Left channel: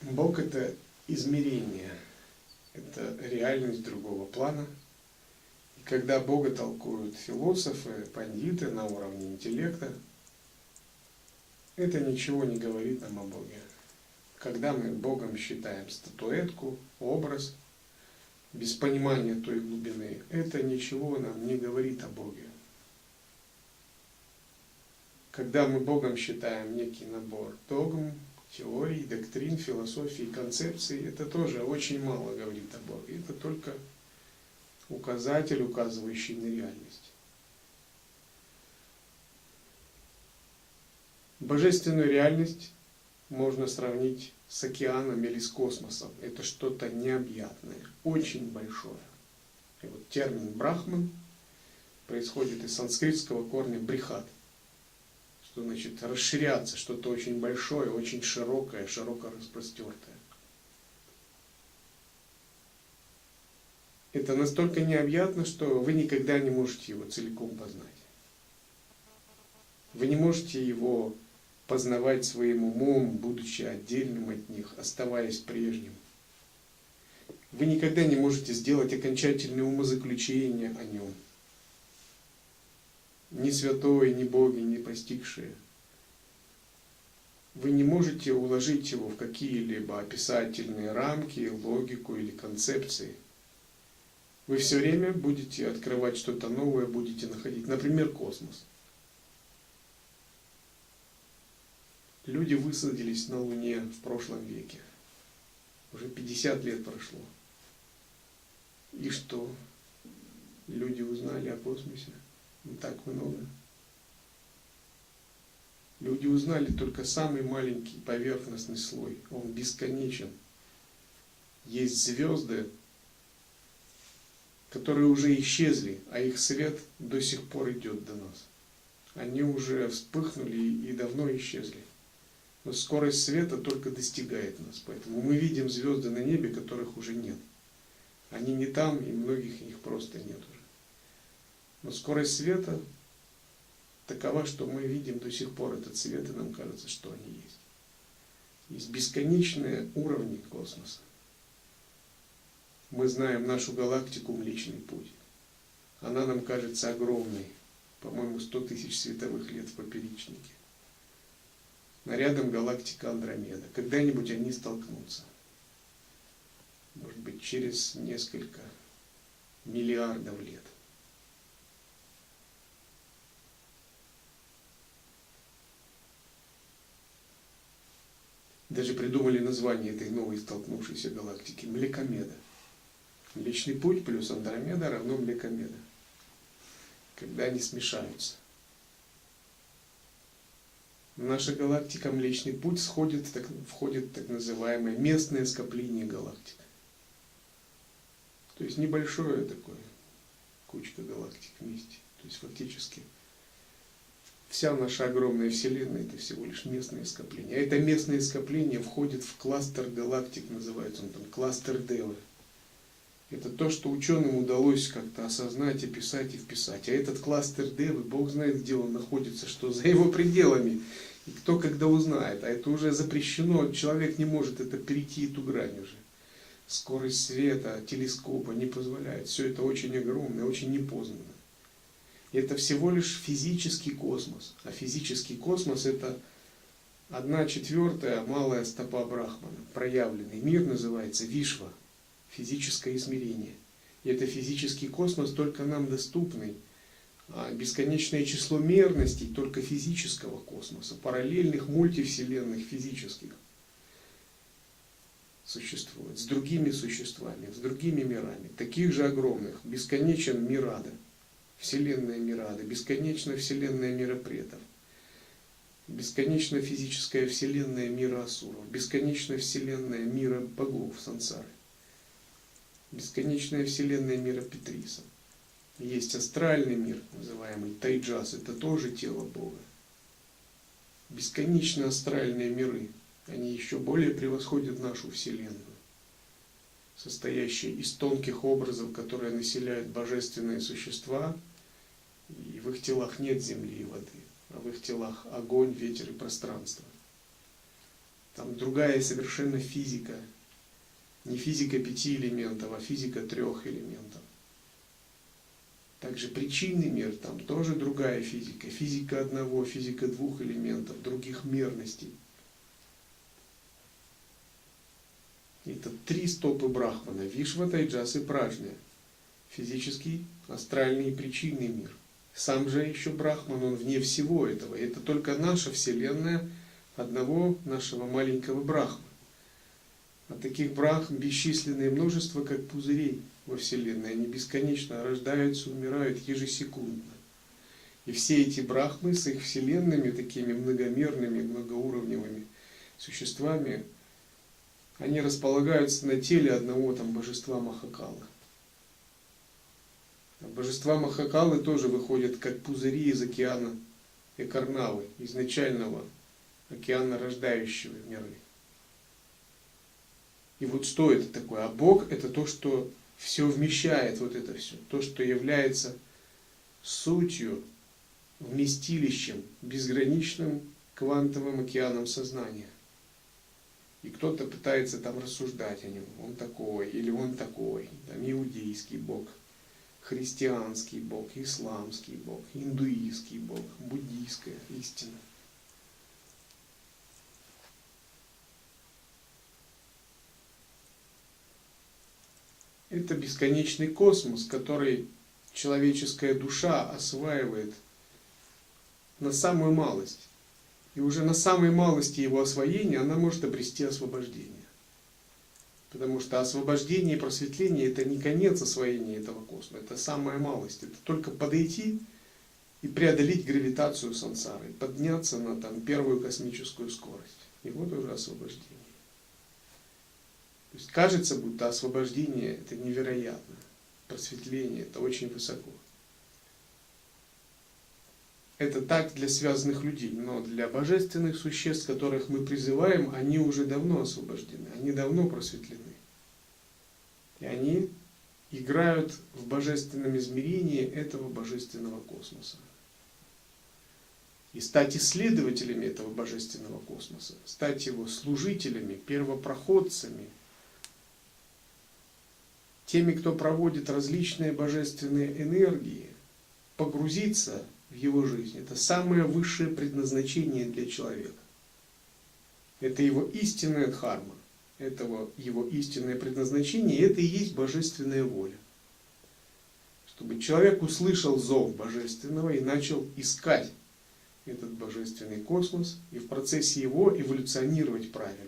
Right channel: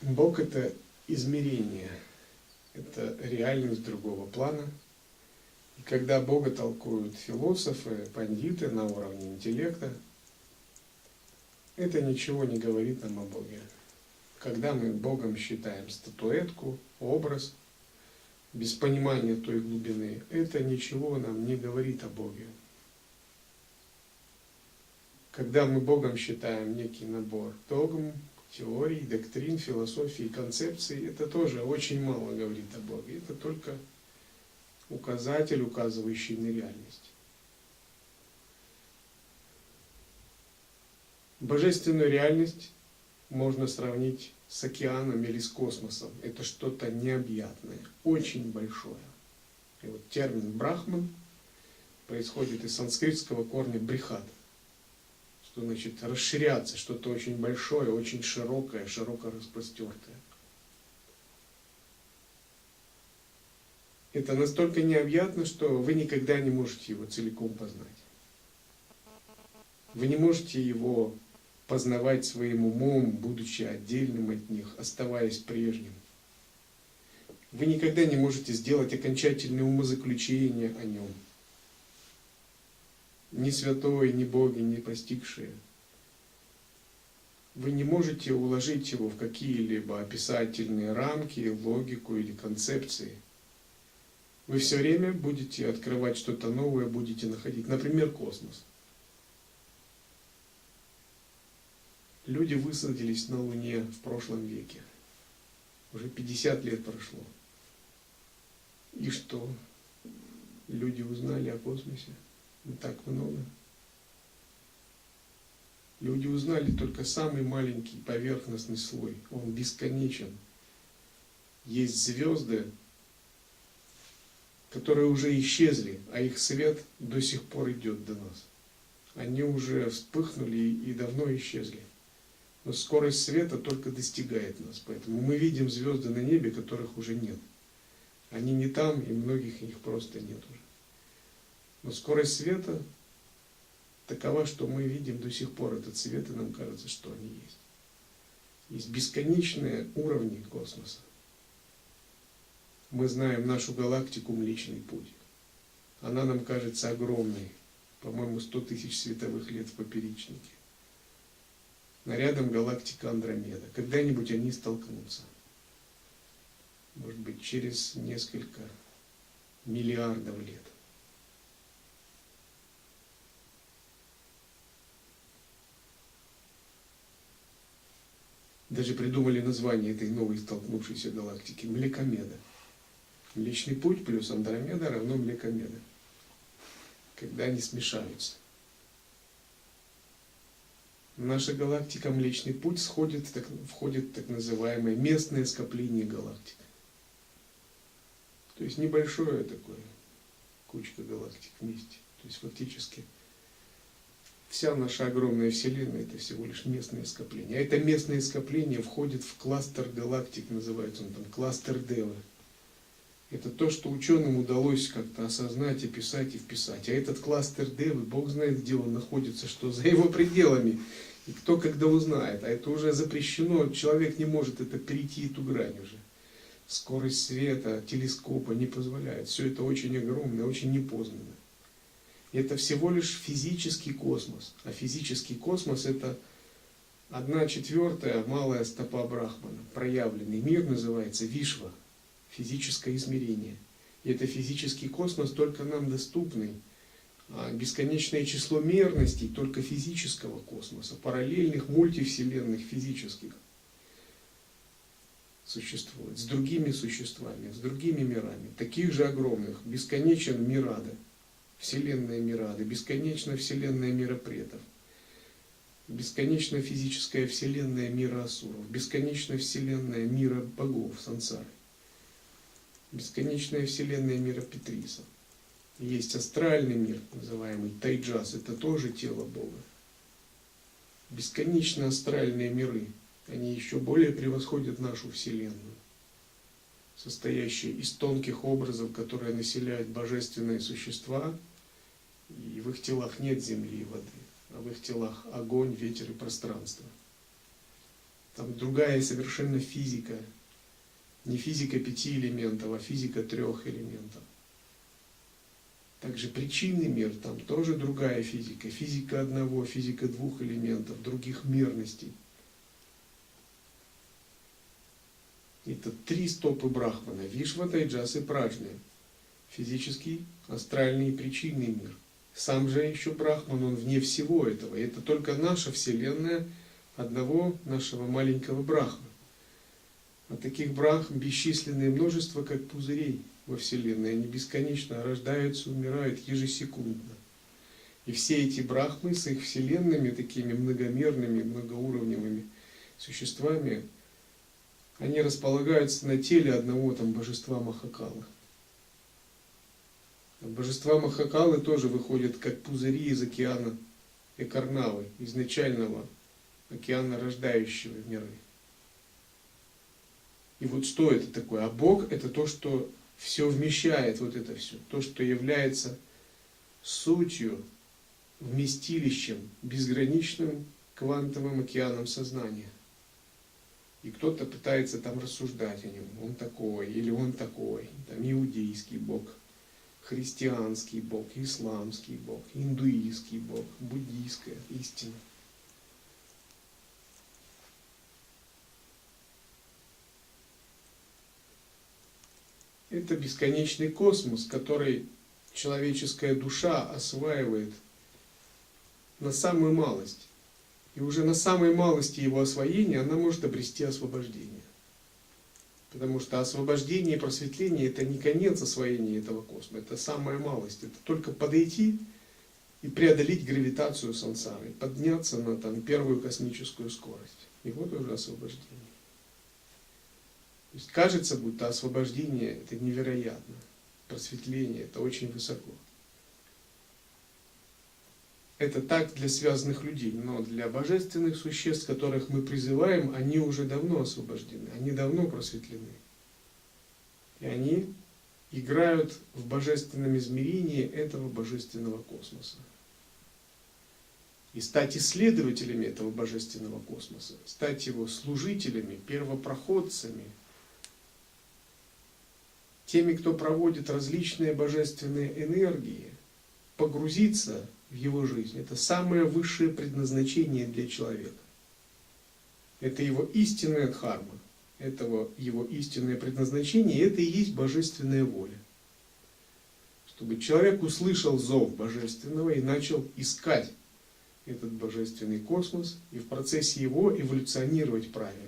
Бог — это измерение, это реальность другого плана. И когда Бога толкуют философы, пандиты на уровне интеллекта, это ничего не говорит нам о Боге. Когда мы Богом считаем статуэтку, образ, без понимания той глубины, это ничего нам не говорит о Боге. Когда мы Богом считаем некий набор догм, теорий, доктрин, философий, концепций, это тоже очень мало говорит о Боге. Это только указатель, указывающий на реальность. Божественную реальность можно сравнить с океаном или с космосом. Это что-то необъятное, очень большое. И вот термин «брахман» происходит из санскритского корня «брихат», что значит расширяться, что-то очень большое, очень широкое, широко распростертое. Это настолько необъятно, что вы никогда не можете его целиком познать. Вы не можете его познавать своим умом, будучи отдельным от них, оставаясь прежним. Вы никогда не можете сделать окончательное умозаключение о нем. Ни святой, ни боги, ни постигшие. Вы не можете уложить его в какие-либо описательные рамки, логику или концепции. Вы все время будете открывать что-то новое, будете находить. Например, космос. Люди высадились на Луне в прошлом веке. Уже 50 лет прошло. И что? Люди узнали о космосе? Не так много. Люди узнали только самый маленький поверхностный слой. Он бесконечен. Есть звезды, которые уже исчезли, а их свет до сих пор идет до нас. Они уже вспыхнули и давно исчезли. Но скорость света только достигает нас. Поэтому мы видим звезды на небе, которых уже нет. Они не там, и многих их просто нет уже. Но скорость света такова, что мы видим до сих пор этот свет, и нам кажется, что они есть. Есть бесконечные уровни космоса. Мы знаем нашу галактику Млечный Путь. Она нам кажется огромной, по-моему, 100 тысяч световых лет в поперечнике. Но рядом галактика Андромеда. Когда-нибудь они столкнутся. Может быть, через несколько миллиардов лет. Даже придумали название этой новой столкнувшейся галактики — Млекомеда. Млечный Путь плюс Андромеда равно Млекомеда. Когда они смешаются. Наша галактика Млечный Путь входит в так называемое местное скопление галактик. То есть небольшое такое, кучка галактик вместе. То есть фактически вся наша огромная Вселенная — это всего лишь местное скопление. А это местное скопление входит в кластер галактик, называется он там кластер Девы. Это то, что ученым удалось как-то осознать, описать и вписать. А этот кластер Девы, Бог знает, где он находится, что за его пределами. И кто когда узнает. А это уже запрещено, человек не может это перейти, эту грань уже. Скорость света, телескопа не позволяет. Все это очень огромно, очень непознанно. Это всего лишь физический космос. А физический космос — это 1/4 малая стопа Брахмана. Проявленный мир называется Вишва. Физическое измерение. И это физический космос, только нам доступный. А бесконечное число мерностей только физического космоса, параллельных мультивселенных физических, существует с другими существами, с другими мирами, таких же огромных. Бесконечен Мирада, вселенная Мирада, бесконечна вселенная мира предков, бесконечна физическая вселенная мира асуров, бесконечна вселенная мира богов сансары, бесконечная вселенная мира Петриса. Есть астральный мир, называемый Тайджас, это тоже тело Бога. Бесконечно астральные миры, они еще более превосходят нашу Вселенную, состоящие из тонких образов, которые населяют божественные существа, и в их телах нет земли и воды, а в их телах огонь, ветер и пространство. Там другая совершенно физика. Не физика 5 элементов, а физика 3 элементов. Также причинный мир, там тоже другая физика. Физика 1, физика 2 элементов, других мерностей. Это 3 стопы Брахмана. Вишва, Тайджас и Праджня. Физический, астральный и причинный мир. Сам же еще Брахман, он вне всего этого. И это только наша Вселенная одного нашего маленького Брахмана. А таких брахм бесчисленное множество, как пузырей во Вселенной. Они бесконечно рождаются, умирают ежесекундно. И все эти брахмы с их вселенными, такими многомерными, многоуровневыми существами, они располагаются на теле одного там божества Махакалы. А божества Махакалы тоже выходят как пузыри из океана Экарнавы, изначального океана, рождающего миры. И вот что это такое? А Бог — это то, что все вмещает, вот это все. То, что является сутью, вместилищем, безграничным квантовым океаном сознания. И кто-то пытается там рассуждать о нем. Он такой, или он такой. Там иудейский Бог, христианский Бог, исламский Бог, индуистский Бог, буддийская истина. Это бесконечный космос, который человеческая душа осваивает на самую малость. И уже на самой малости его освоения она может обрести освобождение. Потому что освобождение и просветление — это не конец освоения этого космоса, это самая малость. Это только подойти и преодолеть гравитацию сансары, подняться на там, первую космическую скорость. И вот уже освобождение. То есть кажется, будто освобождение — это невероятно, просветление — это очень высоко. Это так для связанных людей, но для божественных существ, которых мы призываем, они уже давно освобождены, они давно просветлены. И они играют в божественном измерении этого божественного космоса. И стать исследователями этого божественного космоса, стать его служителями, первопроходцами, теми, кто проводит различные божественные энергии, погрузиться в его жизнь. Это самое высшее предназначение для человека. Это его истинная дхарма, это его истинное предназначение, и это и есть божественная воля. Чтобы человек услышал зов божественного и начал искать этот божественный космос, и в процессе его эволюционировать правильно.